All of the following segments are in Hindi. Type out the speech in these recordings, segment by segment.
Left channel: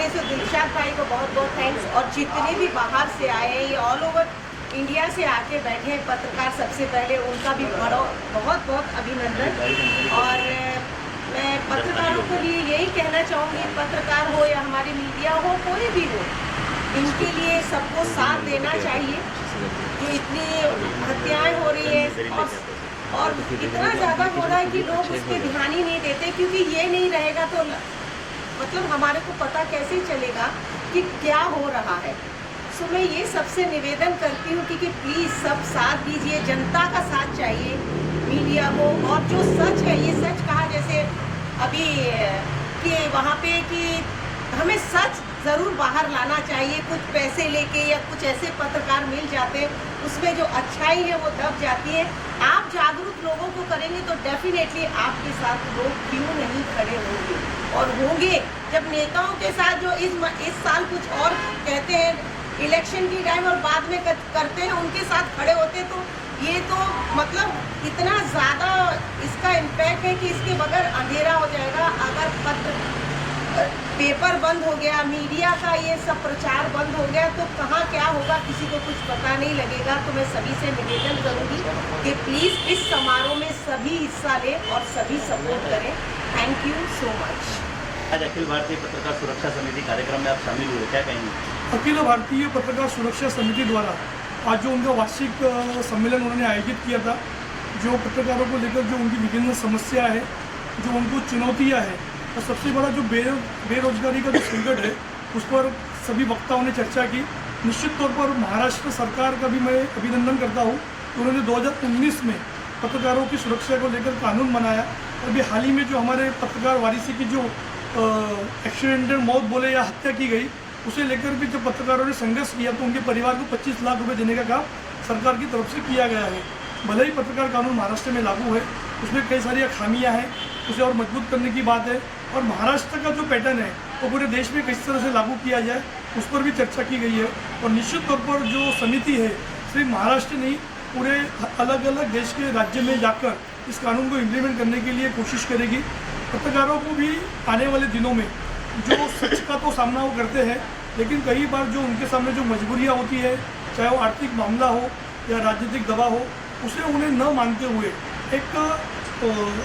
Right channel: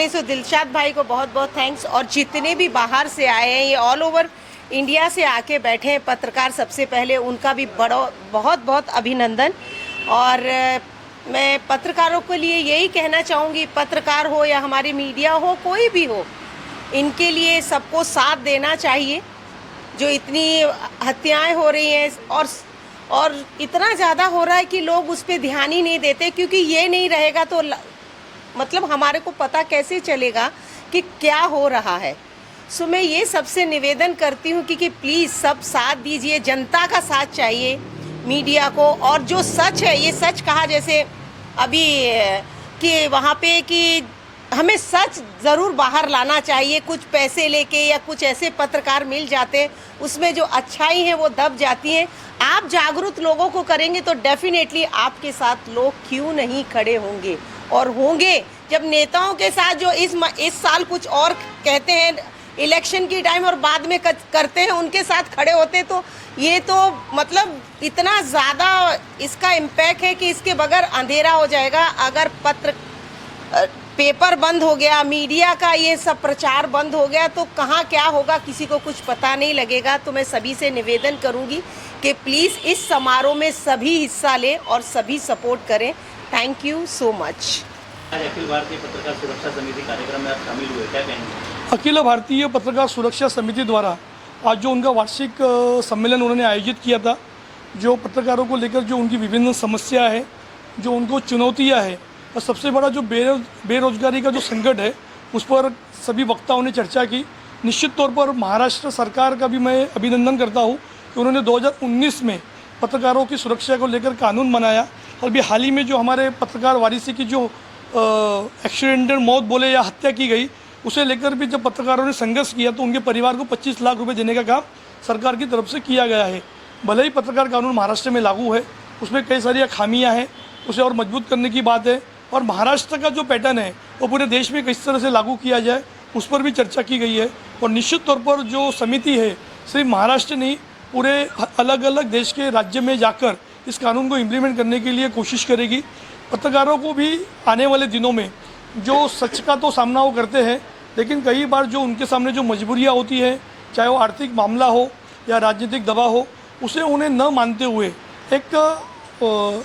पहले तो दिलशाद भाई को बहुत बहुत थैंक्स, और जितने भी बाहर से आए हैं, ये ऑल ओवर इंडिया से आके बैठे हैं पत्रकार, सबसे पहले उनका भी बहुत बहुत अभिनंदन। और मैं पत्रकारों के लिए यही कहना चाहूँगी, पत्रकार हो या हमारी मीडिया हो, कोई भी हो, इनके लिए सबको साथ देना चाहिए। जो इतनी हत्याएं हो रही हैं और इतना ज़्यादा हो रहा है कि लोग उस पर ध्यान ही नहीं देते, क्योंकि ये नहीं रहेगा तो मतलब हमारे को पता कैसे चलेगा कि क्या हो रहा है। सो मैं ये सबसे निवेदन करती हूँ कि प्लीज़ सब साथ दीजिए, जनता का साथ चाहिए मीडिया को। और जो सच है, ये सच कहा जैसे अभी कि वहाँ पे कि हमें सच ज़रूर बाहर लाना चाहिए। कुछ पैसे लेके या कुछ ऐसे पत्रकार मिल जाते हैं, उसमें जो अच्छाई है वो दब जाती है। आप जागरूक लोगों को करेंगे तो डेफिनेटली आपके साथ लोग क्यों नहीं खड़े होंगे, और होंगे। जब नेताओं के साथ जो इस साल कुछ और कहते हैं इलेक्शन की टाइम और बाद में करते हैं, उनके साथ खड़े होते, तो ये तो मतलब इतना ज़्यादा इसका इम्पैक्ट है कि इसके बगैर अंधेरा हो जाएगा। अगर पेपर बंद हो गया, मीडिया का ये सब प्रचार बंद हो गया, तो कहाँ क्या होगा किसी को कुछ पता नहीं लगेगा। तो मैं सभी से निवेदन करूँगी कि प्लीज़ इस समारोह में सभी हिस्सा लें और सभी सपोर्ट करें। Thank you so much. आज अखिल भारतीय पत्रकार सुरक्षा समिति कार्यक्रम में आप शामिल हुए, क्या कहेंगे? अखिल भारतीय पत्रकार सुरक्षा समिति द्वारा आज जो उनका वार्षिक सम्मेलन उन्होंने आयोजित किया था, जो पत्रकारों को लेकर जो उनकी विभिन्न समस्या है, जो उनको चुनौतियां है, और सबसे बड़ा जो बेरोजगारी का जो संकट है, उस पर सभी वक्ताओं ने चर्चा की। निश्चित तौर पर महाराष्ट्र सरकार का भी मैं अभिनंदन करता हूँ कि उन्होंने 2019 में पत्रकारों की सुरक्षा को लेकर कानून बनाया। और अभी हाल ही में जो हमारे पत्रकार वारिसी की जो एक्सीडेंटल मौत बोले या हत्या की गई, उसे लेकर भी जब पत्रकारों ने संघर्ष किया तो उनके परिवार को 25 लाख रुपए देने का काम सरकार की तरफ से किया गया है। भले ही पत्रकार कानून महाराष्ट्र में लागू है, उसमें कई सारी खामियां हैं, उसे और मजबूत करने की बात है। और महाराष्ट्र का जो पैटर्न है वो पूरे देश में किस तरह से लागू किया जाए, उस पर भी चर्चा की गई है। और निश्चित तौर पर जो समिति है, सिर्फ महाराष्ट्र नहीं, पूरे अलग अलग देश के राज्य में जाकर इस कानून को इम्प्लीमेंट करने के लिए कोशिश करेगी। पत्रकारों को भी आने वाले दिनों में जो सच का तो सामना वो करते हैं, लेकिन कई बार जो उनके सामने जो मजबूरियाँ होती है, चाहे वो आर्थिक मामला हो या राजनीतिक दबाव हो, उसे उन्हें न मानते हुए एक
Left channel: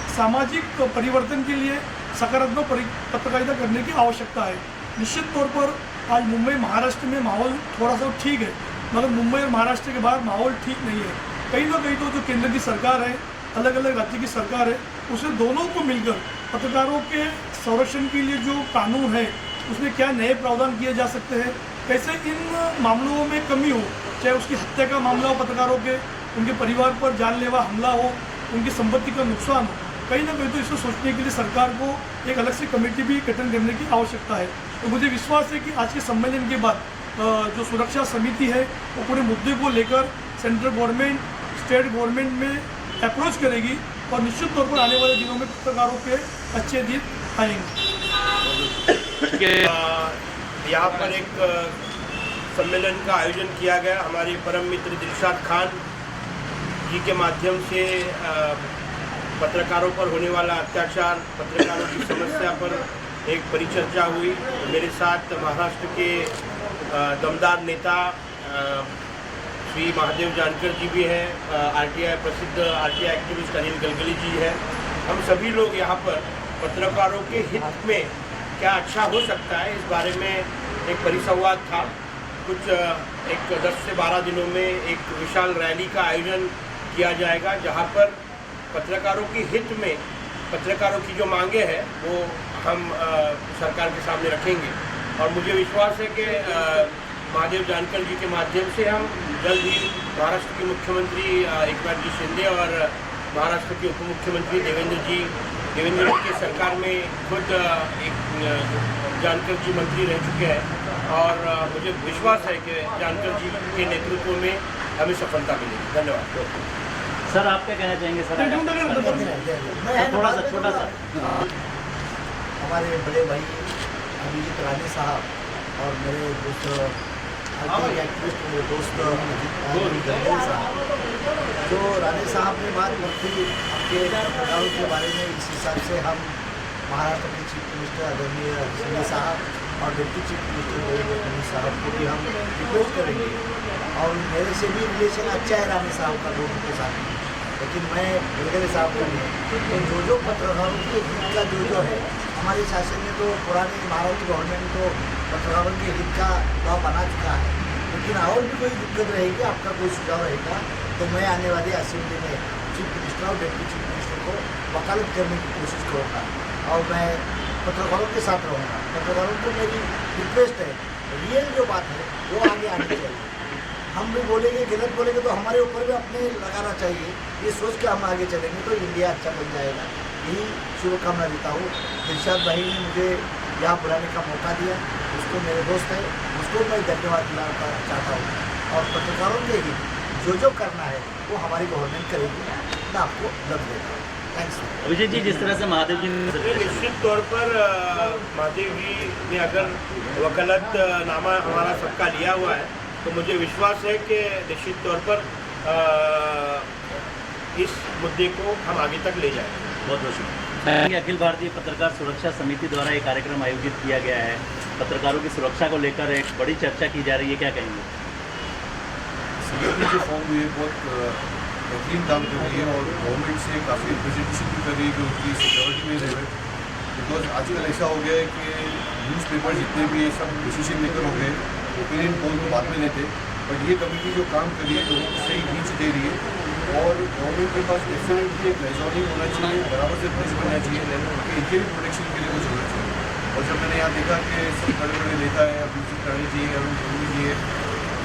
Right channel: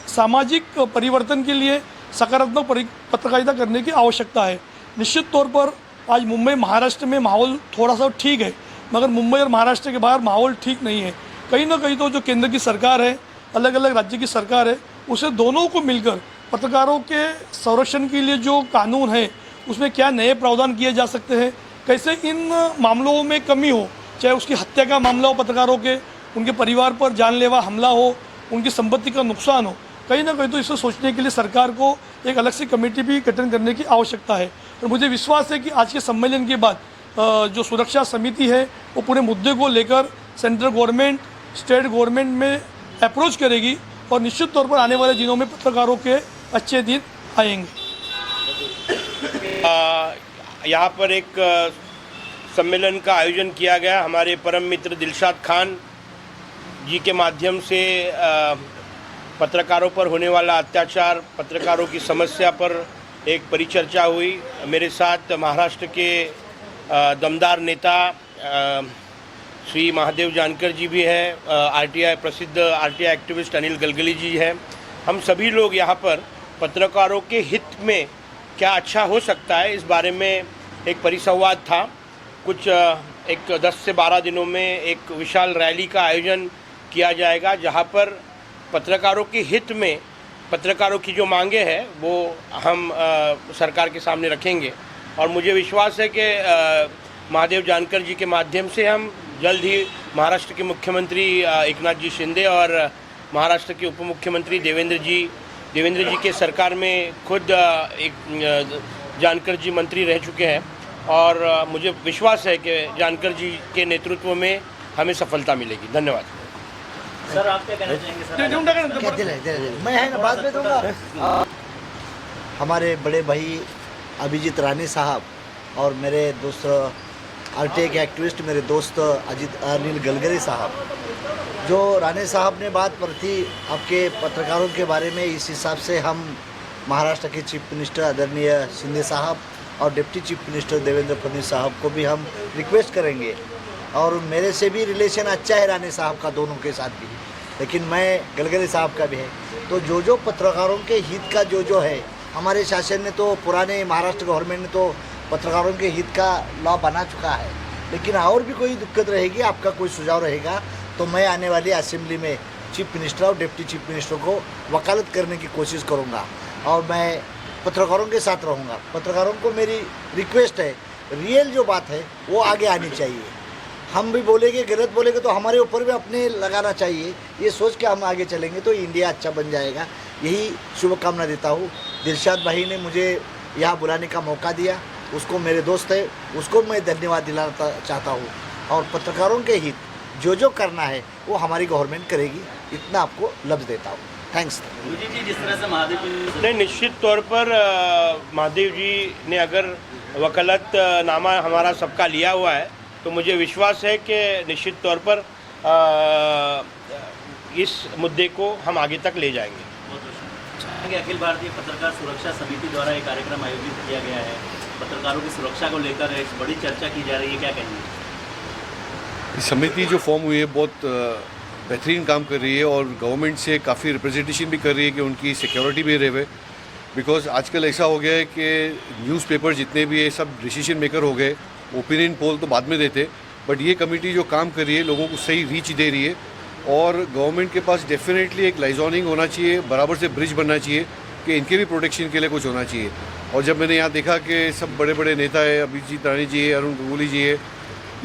सामाजिक परिवर्तन के लिए सकारात्मक पत्रकारिता करने की आवश्यकता है। निश्चित तौर पर आज मुंबई महाराष्ट्र में माहौल थोड़ा सा ठीक है, मगर मुंबई और महाराष्ट्र के बाहर माहौल ठीक नहीं है। कहीं ना कहीं तो जो केंद्र की सरकार है, अलग अलग राज्य की सरकार है, उसे दोनों को मिलकर पत्रकारों के संरक्षण के लिए जो कानून है, उसमें क्या नए प्रावधान किए जा सकते हैं, कैसे इन मामलों में कमी हो, चाहे उसकी हत्या का मामला हो पत्रकारों के, उनके परिवार पर जानलेवा हमला हो, उनकी संपत्ति का नुकसान हो, कहीं ना कहीं तो इसे सोचने के लिए सरकार को एक अलग से कमेटी भी गठन करने की आवश्यकता है। तो मुझे विश्वास है कि आज के सम्मेलन के बाद जो सुरक्षा समिति है वो पूरे मुद्दे को लेकर सेंट्रल गवर्नमेंट, स्टेट गवर्नमेंट में अप्रोच करेगी, और निश्चित तौर पर आने वाले दिनों में पत्रकारों के अच्छे दिन आएंगे। यहाँ पर एक सम्मेलन का आयोजन किया गया हमारे परम मित्र दिलशाद खान जी के माध्यम से। पत्रकारों पर होने वाला अत्याचार, पत्रकारों की समस्या पर एक परिचर्चा हुई। मेरे साथ महाराष्ट्र के दमदार नेता श्री महादेव जानकर जी भी हैं, प्रसिद्ध आरटीआई एक्टिविस्ट अनिल गलगली जी हैं। हम सभी लोग यहाँ पर पत्रकारों के हित में क्या अच्छा हो सकता है, इस बारे में एक परिसंवाद था। कुछ 10 से 12 दिनों में एक विशाल रैली का आयोजन किया जाएगा, जहाँ पर पत्रकारों के हित में पत्रकारों की जो मांगे हैं वो हम सरकार के सामने रखेंगे। और मुझे विश्वास है कि महादेव जानकर जी के माध्यम से हम जल्द ही महाराष्ट्र के मुख्यमंत्री एकनाथ जी शिंदे और महाराष्ट्र के उप मुख्यमंत्री देवेंद्र जी के सरकार में खुद एक जानकर जी मंत्री रह चुके हैं, और मुझे विश्वास है कि जानकर जी के नेतृत्व में हमें सफलता मिलेगी। धन्यवाद। सर, आप क्या कहना चाहेंगे? हमारे बड़े भाई अभिजीत राणे साहब और मेरे दोस्त आरटीआई के एक्टिविस्ट, मेरे दोस्त अनिल गलगली साहब, जो राणे साहब ने बात करती आपके पत्रकारों के बारे में, इस हिसाब से हम महाराष्ट्र के चीफ मिनिस्टर आदरणीय शिंदे साहब और deputy chief minister Devendra Fadnavis साहब को भी हम रिक्वेस्ट करेंगे। और मेरे से भी रिलेशन अच्छा है राणे साहब का दोनों के साथ भी, लेकिन मैं गलगरे साहब का भी है। तो जो पत्रकारों के हित का जो है, हमारे शासन ने तो पुराने महाराष्ट्र गवर्नमेंट ने तो पत्रकारों के हित का लॉ बना चुका है, लेकिन और भी कोई दिक्कत रहेगी, आपका कोई सुझाव रहेगा तो मैं आने वाली असेंबली में चीफ मिनिस्टर और डिप्टी चीफ मिनिस्टर को वकालत करने की कोशिश करूंगा और मैं पत्रकारों के साथ रहूंगा। पत्रकारों को मेरी रिक्वेस्ट है, रियल जो बात है वो आगे आनी चाहिए। हम भी बोलेंगे, गलत बोलेंगे तो हमारे ऊपर भी अपने लगाना चाहिए। ये सोच के हम आगे चलेंगे तो इंडिया अच्छा बन जाएगा। यही शुभकामना देता हूँ। दिलशाद भाई ने मुझे यहाँ बुलाने का मौका दिया, उसको मेरे दोस्त है, उसको मैं धन्यवाद दिलाना चाहता हूँ। और पत्रकारों के हित जो करना है वो हमारी गवर्नमेंत करेगी, इतना आपको लफ्ज़ देता हूँ। थैंक्स। अभिजीत जी, जिस तरह से महादेव जी ने निश्चित तौर पर महादेव जी ने अगर वकालत नामा हमारा सबका लिया हुआ है तो मुझे विश्वास है कि निश्चित तौर पर इस मुद्दे को हम आगे तक ले जाएंगे। बहुत बहुत शुक्रिया। अखिल भारतीय पत्रकार सुरक्षा समिति द्वारा एक कार्यक्रम आयोजित किया गया है, पत्रकारों की सुरक्षा को लेकर एक बड़ी चर्चा की जा रही है, क्या कहेंगे? समिति जो फॉर्म हुई है बहुत बेहतरीन काम कर रही है और गवर्नमेंट से काफ़ी रिप्रेजेंटेशन भी कर रही है कि उनकी सिक्योरिटी भी रहे। बिकॉज आजकल ऐसा हो गया है कि न्यूज़पेपर जितने भी है सब डिसीजन मेकर हो गए, ओपिनियन पोल तो बाद में देते, बट ये कमेटी जो काम कर रही है लोगों को सही रीच दे रही है और गवर्नमेंट के पास डेफिनेटली एक लाइजॉनिंग होना चाहिए, बराबर से ब्रिज बनना चाहिए कि इनके भी प्रोटेक्शन के लिए कुछ होना चाहिए। और जब मैंने यहाँ देखा कि सब बड़े बड़े नेता है, अभिजीत राणे जी है, अरुण गंगूली जी है,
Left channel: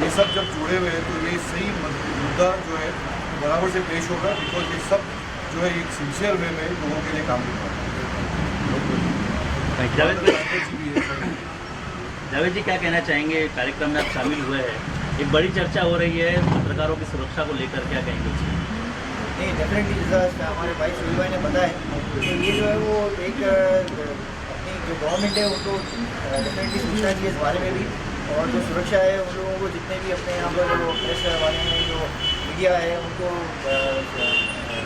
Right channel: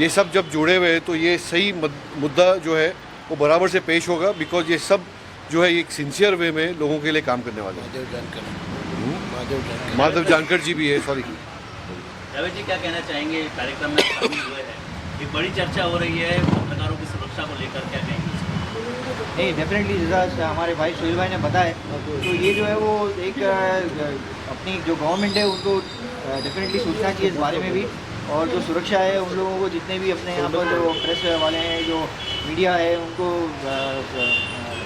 ये सब जब जुड़े हुए हैं तो ये सही मुद्दा जो है वो बराबर से पेश होगा। बिकॉज ये सब जो है एक सिंसियर वे में लोगों के लिए काम करने वाला है। माधव जानकर जी भी है। सॉरी जावेद जी, क्या कहना चाहेंगे? कार्यक्रम में शामिल हुए हैं, एक बड़ी चर्चा हो रही है पत्रकारों की सुरक्षा को लेकर, क्या कहेंगे? नहीं, डेफिनेटली जैसा हमारे भाई सुनील भाई ने बताया, तो ये जो है वो एक अपनी जो गवर्नमेंट है उनको डेफिनेटली सोचना चाहिए इस बारे में भी। और जो सुरक्षा है उन लोगों को, जितने भी अपने यहाँ पर जो प्रेस वाले हैं, जो मीडिया है, उनको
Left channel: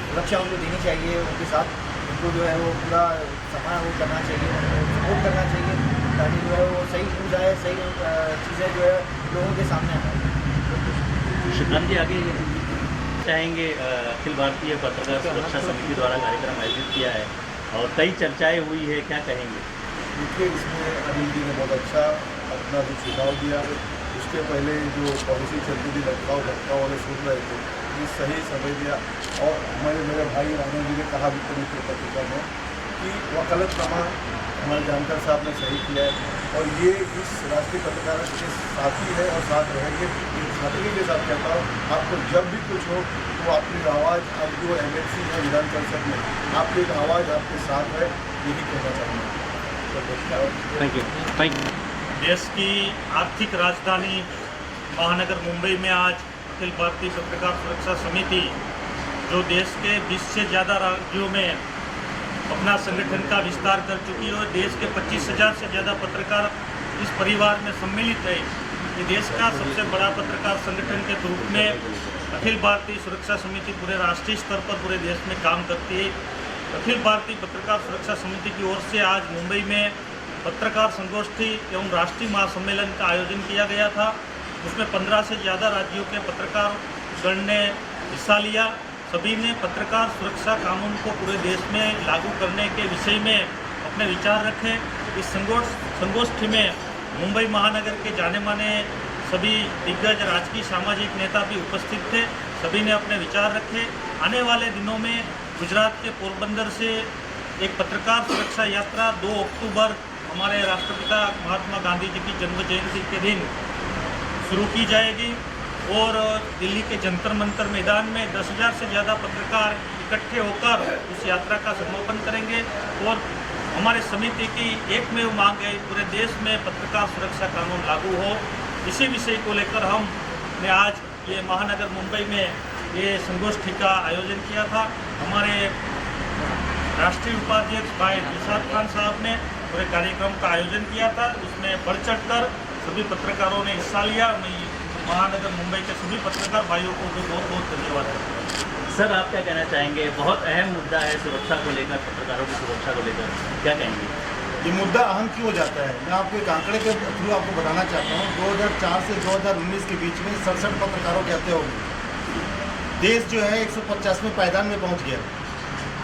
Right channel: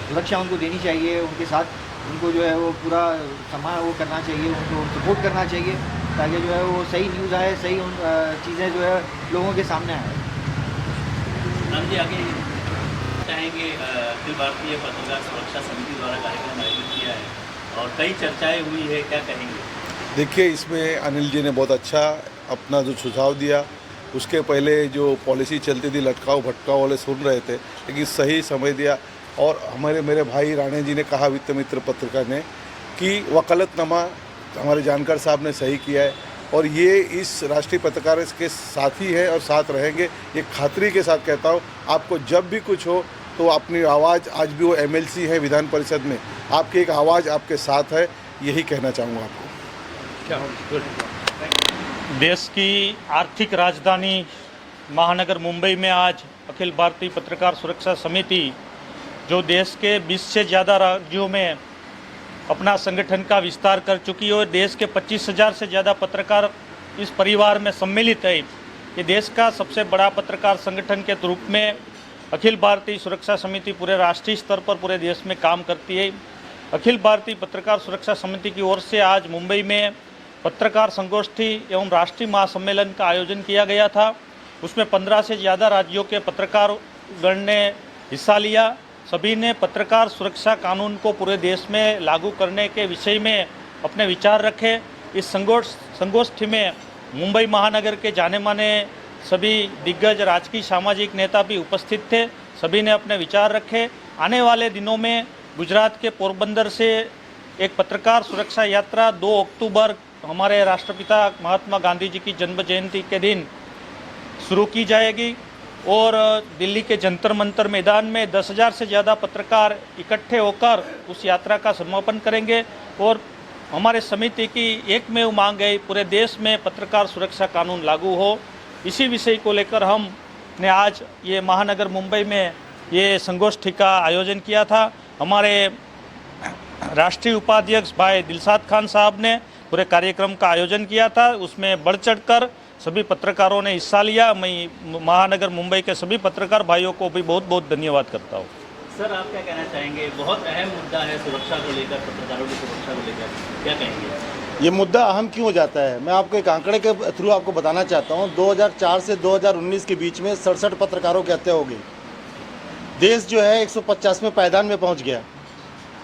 सुरक्षा उनको देनी चाहिए। उनके साथ उनको जो है वो पूरा सामान वो करना चाहिए, उनको सपोर्ट करना चाहिए ताकि जो है वो सही न्यूज़ आए, सही चीज़ें जो है लोगों के सामने आए। शुक्रान जी, आगे चाहेंगे? अखिल भारतीय पत्रकार सुरक्षा समिति द्वारा कार्यक्रम आयोजित किया है और कई चर्चाएं हुई है, क्या कहेंगे? देखिए, इसमें अनिल जी ने बहुत अच्छा अपना जो सुझाव दिया। उसके पहले जो पॉलिसी चलती थी लटकाओ भटकाओ वाले सुन रहे थे, लेकिन सही समझ दिया। और मेरे भाई राणे जी ने कहा, वित्त मित्र पत्रकार ने, कि वकालतनामा हमारे जानकार साहब ने सही किया है और ये इस राष्ट्रीय पत्रकार के साथी है और साथ रहेंगे। ये खातरी के साथ कहता हूँ, आपको जब भी कुछ हो तो अपनी आवाज़, आज भी वो MLC है विधान परिषद में, आपकी एक आवाज़ आपके साथ है, यही कहना चाहूँगा। देश की आर्थिक राजधानी महानगर मुंबई में आज अखिल भारतीय पत्रकार सुरक्षा समिति, जो देश के 20 से ज़्यादा राज्यों में अपना संगठन का विस्तार कर चुकी है और देश के 25,000 से ज़्यादा पत्रकार इस परिवार में सम्मिलित है। ये देश का सबसे बड़ा पत्रकार संगठन के रूप में अखिल भारतीय सुरक्षा समिति पूरे राष्ट्रीय स्तर पर पूरे देश में काम करती है। अखिल भारतीय पत्रकार सुरक्षा समिति की ओर से आज मुंबई में पत्रकार संगोष्ठी एवं राष्ट्रीय महासम्मेलन का आयोजन किया गया था। उसमें 15 से ज़्यादा राज्यों के पत्रकार गण ने हिस्सा लिया। सभी ने पत्रकार सुरक्षा कानून को पूरे देश में लागू करने के विषय में अपने विचार रखे। इस संगोष्ठी में मुंबई महानगर के जाने माने सभी दिग्गज राजकीय सामाजिक नेता भी उपस्थित थे। सभी ने अपने विचार रखे। आने वाले दिनों में गुजरात के पोरबंदर से एक पत्रकार सुरक्षा यात्रा 2 अक्टूबर हमारे राष्ट्रपिता महात्मा गांधी जी की जन्म जयंती के दिन शुरू की जाएगी और दिल्ली के जंतर मंतर मैदान में 10,000 से ज़्यादा पत्रकार इकट्ठे होकर उस यात्रा का समापन करेंगे। और हमारे समिति की एकमेव मांग है, पूरे देश में पत्रकार सुरक्षा कानून लागू हो। इसी विषय को लेकर हमने आज ये महानगर मुंबई में ये संगोष्ठी का आयोजन किया था। हमारे राष्ट्रीय उपाध्यक्ष भाई दिलशाद खान साहब ने पूरे कार्यक्रम का आयोजन किया था। उसमें बढ़ चढ़कर सभी पत्रकारों ने हिस्सा लिया। मैं महानगर मुंबई के सभी पत्रकार भाइयों को भी बहुत बहुत धन्यवाद करता हूँ। सर, आप क्या कहना चाहेंगे? बहुत अहम मुद्दा है सुरक्षा को लेकर, पत्रकारों की सुरक्षा को लेकर, क्या कहेंगे? ये मुद्दा अहम क्यों हो जाता है, मैं आपको एक आंकड़े के थ्रू आपको बताना चाहता हूँ। 2004 से 2019 के बीच में 67 पत्रकारों की हत्या हो गई। देश जो है 150वें पायदान में पहुँच गया।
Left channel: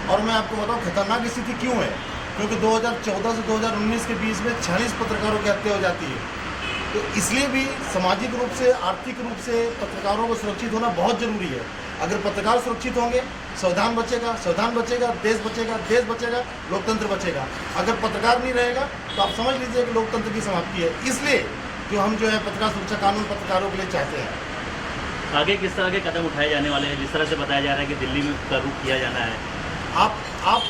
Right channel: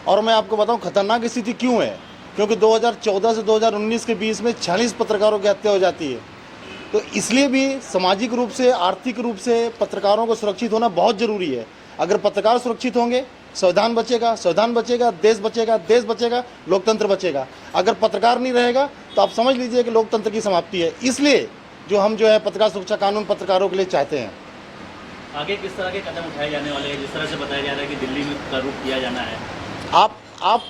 और मैं आपको बताऊँ खतरनाक स्थिति क्यों है, क्योंकि 2014 से 2019 के बीच में 40 पत्रकारों की हत्या हो जाती है। तो इसलिए भी सामाजिक रूप से, आर्थिक रूप से पत्रकारों को सुरक्षित होना बहुत ज़रूरी है। अगर पत्रकार सुरक्षित होंगे, संविधान बचेगा, संविधान बचेगा, देश बचेगा, देश बचेगा, लोकतंत्र बचेगा। अगर पत्रकार नहीं रहेगा तो आप समझ लीजिए कि लोकतंत्र की समाप्ति है। इसलिए जो हम जो है पत्रकार सुरक्षा कानून पत्रकारों के लिए चाहते हैं। आगे किस तरह के कदम उठाए जाने वाले हैं? जिस तरह से बताया जा रहा है कि दिल्ली का रुख किया जाना है, आप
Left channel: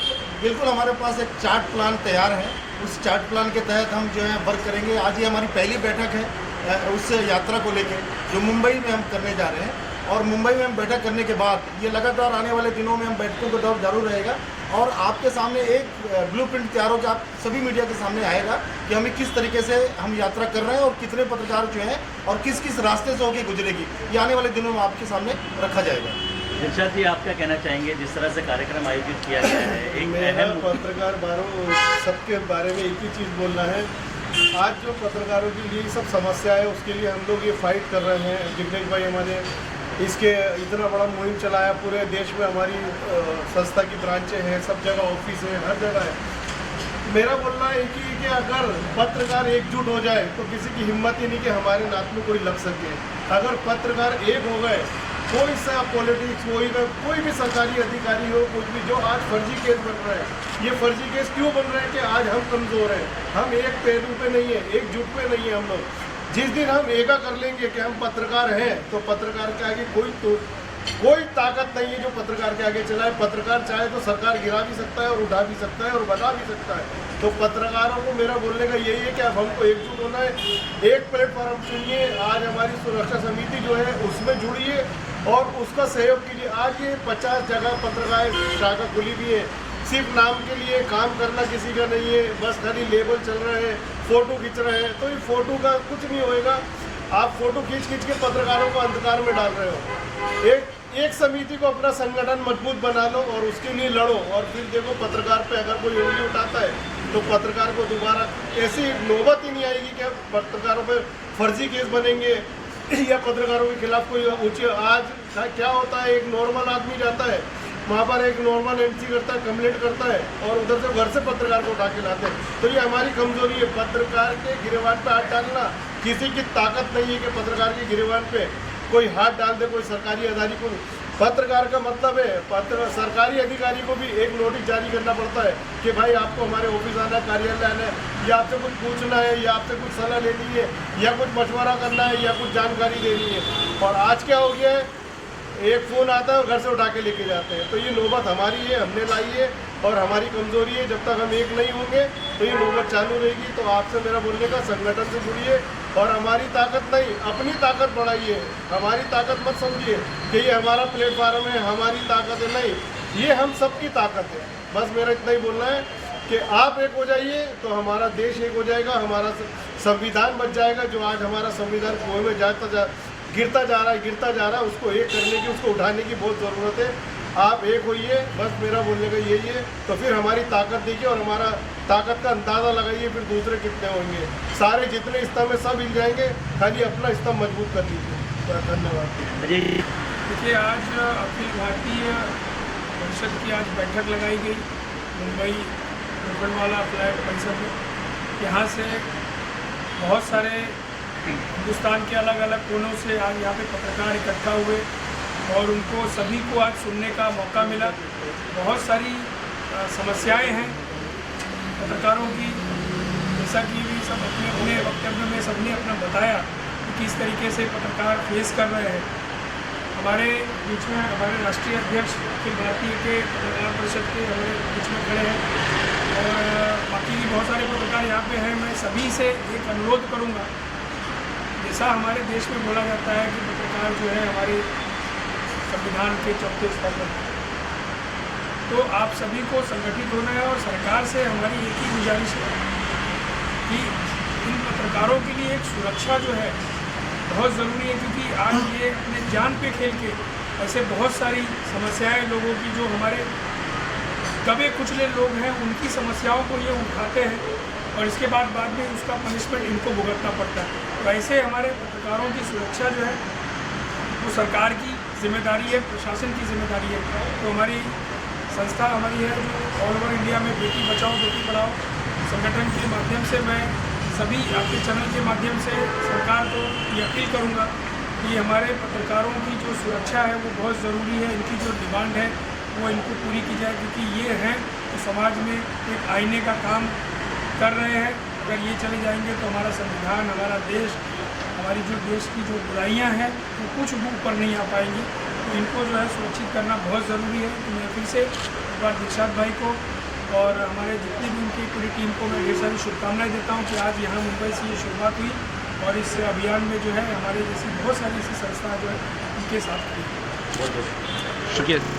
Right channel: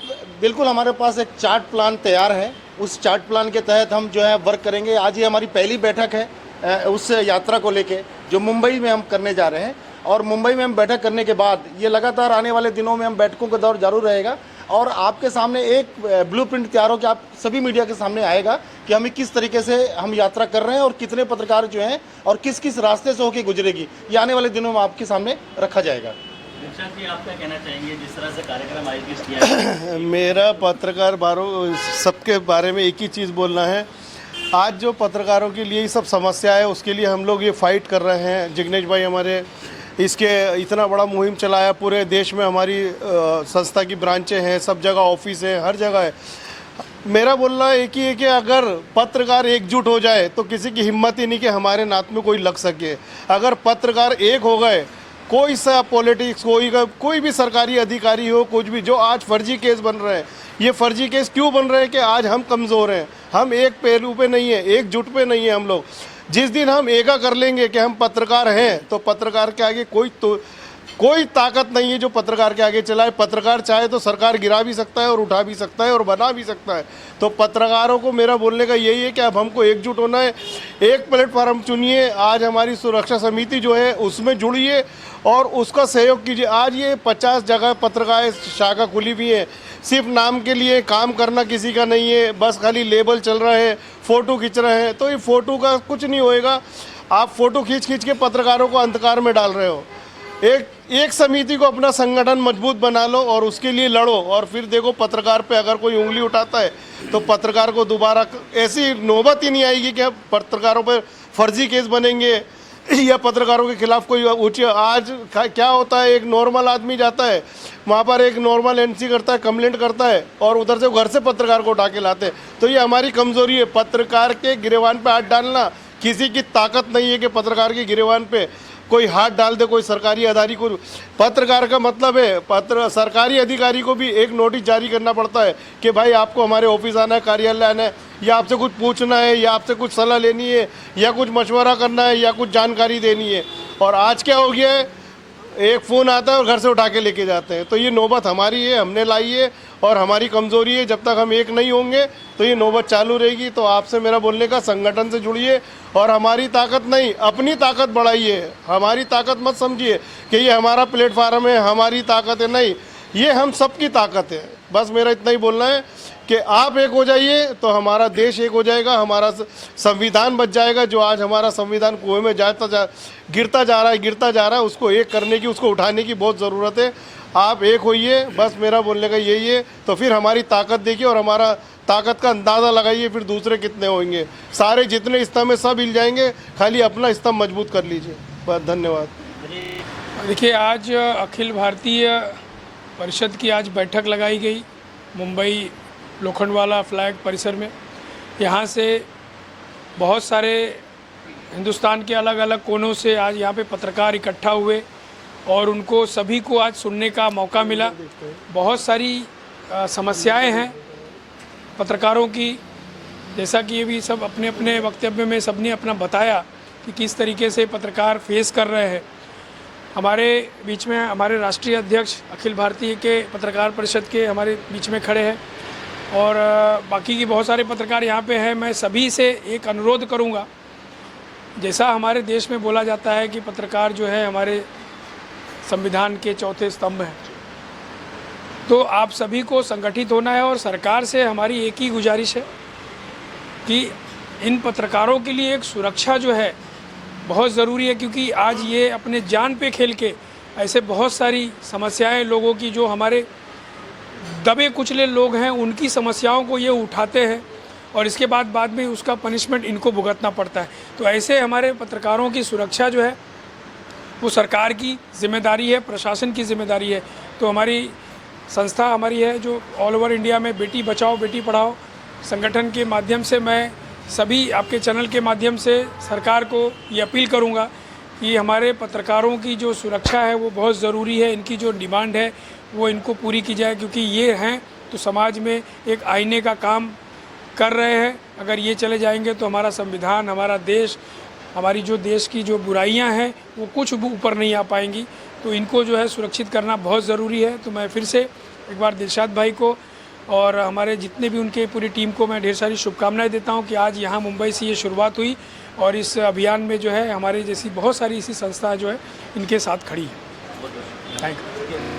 बिल्कुल, हमारे पास एक चार्ट प्लान तैयार है। उस चार्ट प्लान के तहत हम जो है वर्क करेंगे। आज ये हमारी पहली बैठक है उस यात्रा को लेके जो मुंबई में हम करने जा रहे हैं। और मुंबई में हम बैठक करने के बाद ये लगातार आने वाले दिनों में हम बैठकों का दौर जारी रहेगा। और आपके सामने एक ब्लूप्रिंट तैयार होकर आप सभी मीडिया के सामने आएगा कि हमें किस तरीके से हम यात्रा कर रहे हैं और कितने पत्रकार जो हैं और किस किस रास्ते से होकर गुजरेगी, ये आने वाले दिनों में आपके सामने रखा जाएगा। दिलशाद जी, आप क्या कहना चाहेंगे जिस तरह से कार्यक्रम आयोजित किया है? मेरा पत्रकार सबके बारे में एक ही चीज़ बोलना है। आज जो पत्रकारों के लिए सब समस्या है उसके लिए हम लोग ये फाइट कर रहे हैं। जिग्नेश भाई हमारे इसके इतना बड़ा मुहिम चलाया, पूरे देश में हमारी संस्था की ब्रांचें हैं, सब जगह ऑफिस हैं, हर जगह है। मेरा बोलना एक ही है कि अगर पत्रकार एकजुट हो जाए तो किसी की हिम्मत ही नहीं कि हमारे नात में कोई लग सके। अगर पत्रकार एक हो गए, कोई सा पॉलिटिक्स, कोई भी सरकारी अधिकारी हो, कुछ भी, जो आज फर्जी केस बन रहे हैं, ये फर्जी केस क्यों बन रहे हैं कि आज हम कमज़ोर हैं, हम एक पहलू पे नहीं है, एकजुट पे नहीं है हम लोग। जिस दिन हम एका कर लेंगे कि हम पत्रकार हैं तो पत्रकार के आगे कोई ताकत नहीं है जो पत्रकार के आगे चलाए। पत्रकार चाहे तो सरकार गिरा भी सकता है और उठा भी सकता है और बना भी सकता है। तो पत्रकारों को मेरा बोलने का यही है कि अब हमको एकजुट होना है। एक प्लेटफॉर्म चुनिए, आज हमारी सुरक्षा समिति जो है उसमें जुड़िए और उसका सहयोग कीजिए। आज ये 50 जगह पत्रकार शाखा खुली भी है। सिर्फ नाम के लिए काम करना किसी का नहीं है, बस खाली लेबल चल रहा है, फ़ोटो खींच रहे हैं। तो ये फ़ोटो का कुछ नहीं होएगा। आप फ़ोटो खींच के पत्रकारों को अंधकार में डाल रहे हो। एक समिति को अपना संगठन मजबूत बना लो और उसके लिए लड़ो। और फिर देखो पत्रकार पे अगर कोई उंगली उठाता है तो पत्रकार को दोबारा ऐसी नौबत ही नहीं आएगी कि पत्रकारों पर फर्जी केस बनेंगे या पत्रकारों के खिलाफ कोई ऊँचे। आज क्या होता है, एक नॉर्मल आदमी जाता है वहाँ पर, एक नॉर्मल एमसी करता है, कंप्लेंट करता है और उधर से घर से पत्रकार को उठा के लाते हैं। तो ये हमारी कमज़ोरी है। पत्रकार के गिरेबान पे हाथ डालना, किसी की ताकत नहीं है कि पत्रकार के गिरेबान पे कोई हाथ डाल दे, कोई सरकारी अधिकारी को। पत्रकार का मतलब है सरकारी अधिकारी को भी एक नोटिस जारी करना पड़ता है कि भाई आपको हमारे ऑफिस आना है, कार्यालय आना है, या आपसे कुछ पूछना है, या आपसे कुछ सलाह लेनी है, या कुछ मशवरा करना है, या कुछ जानकारी देनी है। और आज क्या हो गया है, एक फ़ोन आता है और घर से उठा के लेके जाते हैं। तो ये नौबत हमारी है, हमने लाई है और हमारी कमज़ोरी है। जब तक हम एक नहीं होंगे तो ये नौबत चालू रहेगी। तो आपसे मेरा बोलने का, संगठन से जुड़िए और हमारी ताकत नहीं, अपनी ताकत बढ़ाइए। हमारी ताकत मत समझिए कि ये हमारा प्लेटफार्म है, हमारी ताकत है, नहीं, ये हम सबकी ताकत है। बस मेरा इतना ही बोलना है कि आप एक हो जाइए तो हमारा देश एक हो जाएगा, हमारा संविधान बच जाएगा। जो आज हमारा संविधान कुएं में गिरता जा रहा है, उसको एक करने की, उसको उठाने की बहुत ज़रूरत है। आप एक होइए, बस मेरा बोलने का यही है। तो फिर हमारी ताकत देखिए और हमारा ताकत का अंदाज़ा लगाइए, फिर दूसरे कितने होंगे। सारे जितने स्तंभ में सब हिल जाएंगे, खाली अपना स्तंभ मजबूत कर लीजिए। बस धन्यवाद। देखिए, आज अखिल भारतीय परिषद की आज बैठक लगाई गई मुंबई लोखंडवाला फ्लैट परिसर में। यहाँ से बहुत सारे हिंदुस्तान के अलग अलग कोनों से आज यहाँ पे पत्रकार इकट्ठा हुए और उनको सभी को आज सुनने का मौका मिला। बहुत सारी समस्याएं हैं पत्रकारों की, जैसा कि ये भी सब अपने अपने वक्तव्य में सबने अपना बताया कि किस तरीके से पत्रकार फेस कर रहे हैं। हमारे बीच में हमारे राष्ट्रीय अध्यक्ष अखिल भारतीय के पत्रकार परिषद के हमारे बीच में खड़े हैं और बाकी की बहुत सारे पत्रकार यहाँ पे हैं। मैं सभी से एक अनुरोध करूँगा, जैसा हमारे देश में बोला जाता है कि पत्रकार जो है हमारे संविधान के चौथे स्तंभ हैं, तो आप सभी को संगठित होना है। और सरकार से हमारी एक ही गुजारिश है कि इन पत्रकारों के लिए एक सुरक्षा जो है बहुत ज़रूरी है, क्योंकि आज ये अपने जान पे खेल के ऐसे बहुत सारी समस्याएं लोगों की, जो हमारे दबे कुचले लोग हैं, उनकी समस्याओं को ये उठाते हैं और इसके बाद भी उसका पनिशमेंट इनको भुगतना पड़ता है। तो ऐसे हमारे पत्रकारों की सुरक्षा जो है वो सरकार की जिम्मेदारी है, प्रशासन की जिम्मेदारी है। तो हमारी संस्था हमारी है जो ऑल ओवर इंडिया में बेटी बचाओ बेटी पढ़ाओ संगठन के माध्यम से मैं सभी आपके चैनल के माध्यम से सरकार को ये अपील करूँगा कि हमारे पत्रकारों की जो सुरक्षा है वो बहुत ज़रूरी है। इनकी जो डिमांड है वो इनको पूरी की जाए, क्योंकि ये हैं तो समाज में एक आईने का काम कर रहे हैं। अगर ये चले जाएंगे तो हमारा संविधान, हमारा देश, हमारी जो देश की जो बुराइयां हैं वो कुछ भी ऊपर नहीं आ पाएंगी। तो इनको जो है सुरक्षित करना बहुत ज़रूरी है। तो मैं फिर से एक बार दिलशाद भाई को और हमारे जितने भी उनके पूरी टीम को मैं ढेर सारी शुभकामनाएं देता हूं कि आज यहाँ मुंबई से ये शुरुआत हुई और इस अभियान में जो है हमारी जैसी बहुत सारी ऐसी संस्था जो है इनके साथ खड़ी है। शुक्रिया।